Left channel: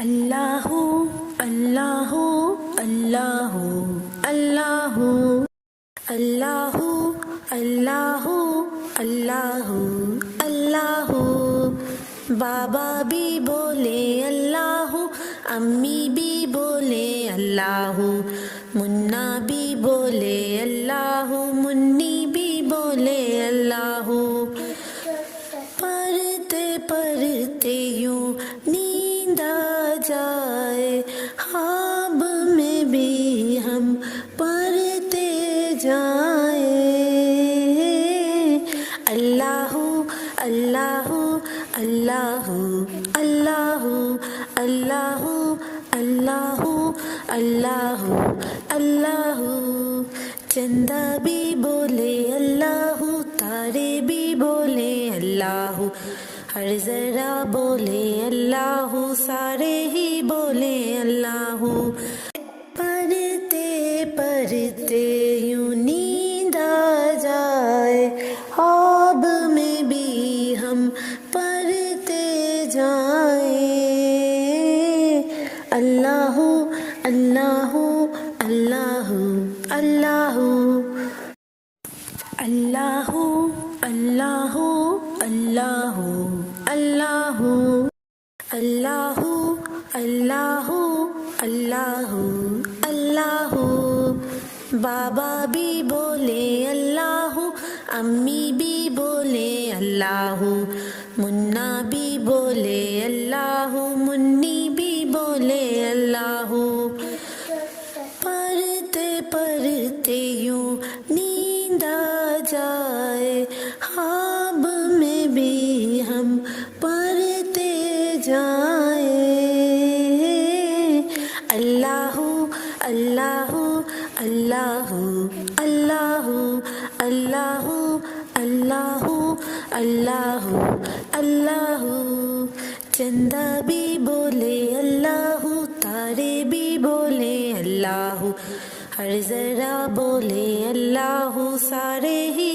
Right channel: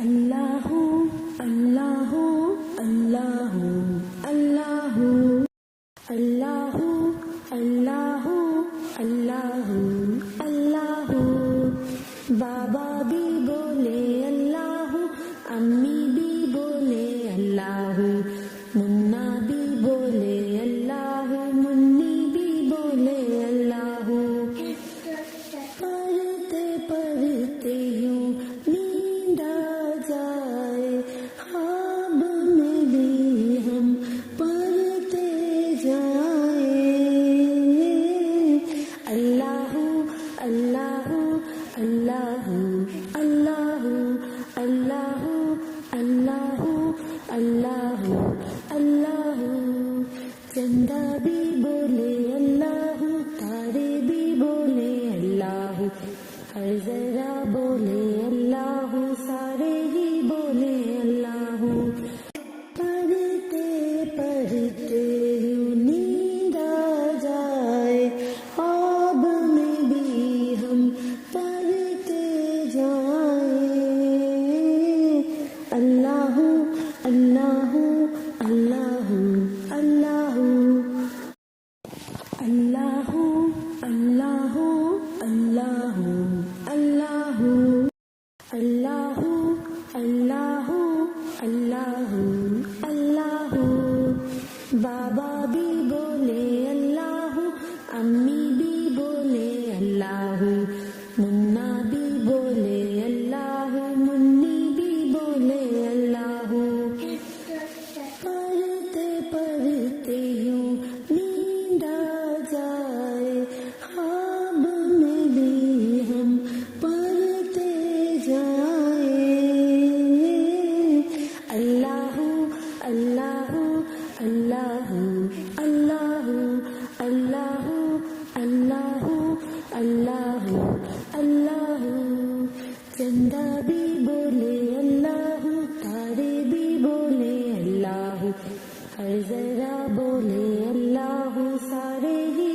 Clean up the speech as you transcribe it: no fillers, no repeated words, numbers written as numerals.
اللہ اللہ اللہ اللہ اللہ اللہ اللہ اللہ بابا بھی بولے اللہ، امی بھی بولے اللہ، منا بھی بولے اللہ، منی بھی بولے اللہ۔ پڑھتے پڑھتے یوں نیند آ جائے، خواب میں بھی ہم پڑھتے جائیں۔ اللہ اللہ اللہ اللہ اللہ اللہ اللہ اللہ چندہ بھی بولے اللہ، تارے بھی بولے اللہ، ہر ذرا بولے اللہ، سارے ہی بولے اللہ۔ پڑھتے پڑھتے یوں نیند آ جائے، خواب میں بھی ہم پڑھتے جائیں۔ اللہ اللہ اللہ اللہ اللہ اللہ اللہ اللہ اللہ اللہ اللہ اللہ بابا بھی بولے اللہ، امی بھی بولے اللہ، منا بھی بولے اللہ، منی بھی بولے اللہ۔ پڑھتے پڑھتے یوں نیند آ جائے، خواب میں بھی ہم پڑھتے جائیں۔ اللہ اللہ اللہ اللہ اللہ اللہ اللہ اللہ چندہ بھی بولے اللہ، تارے بھی بولے اللہ، ہر ذرا بولے اللہ، سارے ہی